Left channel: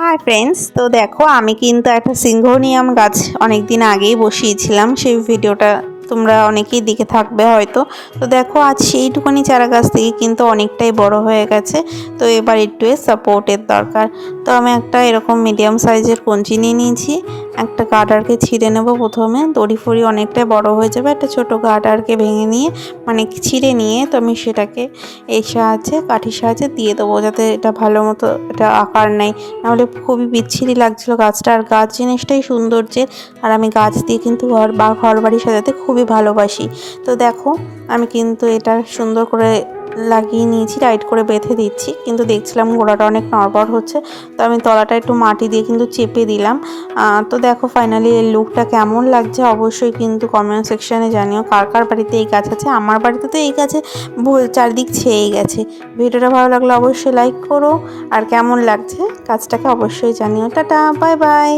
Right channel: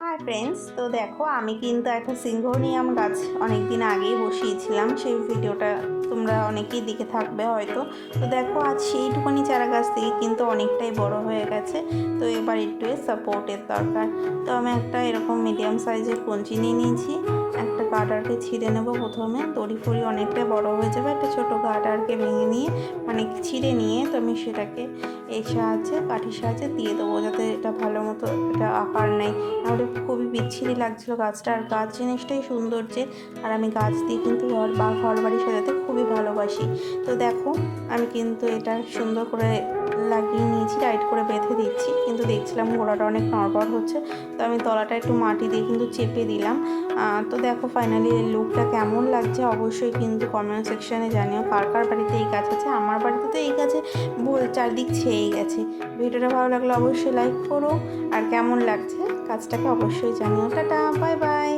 Hi friends, তো দেখো আমি কিন্তু একটা সিংঘোনিয়াম গাছ অনেক দিন আগেই বসিয়েছিলাম। সেই ভিডিওটা তোমরা অনেকেই দেখে থাকবে হয়তো। তো দেখো আজ সেইটুকুনি চারা গাছ থেকে কিন্তু অনেকটাই বড় হয়ে গেছে। তো এবার একটু সাপোর্টের দরকার। তো আমি একটা এরকম মিডিয়াম সাইজের কঞ্চি নিয়ে নিয়েছি। একটা গার্ডারকে ছিঁড়ে নেব প্রথমে। দড়ি ফড়ি অনেকটাই বড় হয়ে যাবে, একটা ছোটো গার্ডারকে ভেঙে নিয়ে মানে ছিঁড়ে নিয়ে তো আমি সেটাকে এই সাহায্যে কাঠির সাহায্যে দিয়ে দেবো, যাতে এটা ভালো মতো এটা আকার নেয়। নাহলে খুবই বিচ্ছিরি লাগছিলো গাছটা। আর গাছ জিনিসটাই সৌন্দর্যের, আর আমি গাছ দিয়ে কিন্তু ঘর বাড়ি সাজাতে খুবই ভালোবাসি। তো দেখো আমি কিন্তু এটা সুন্দর করে লাগিয়ে নিয়েছি, টাইট করে বেঁধে দিচ্ছি। কিন্তু দেখছিলাম গোড়াটা অনেক নড়বড় হচ্ছে, তো আমি তলাটা একটু মাটি দিয়ে কিন্তু চেপে দিলাম। তো দেখো ফাইনালি এর লুকটা কেমন লাগছে অবশ্যই কিন্তু কমেন্ট সেকশানে জানিও। কার কার বাড়িতে এই গাছ আছে। আমার বাড়িতে তো এই গাছে চারদিক ছেয়ে গেছে। ভিডিওটা ভালো লাগলে অবশ্যই লাইক করো, আর কেমন লাগছে কাজটাকে অবশ্যই জানিও। Tata, bye bye.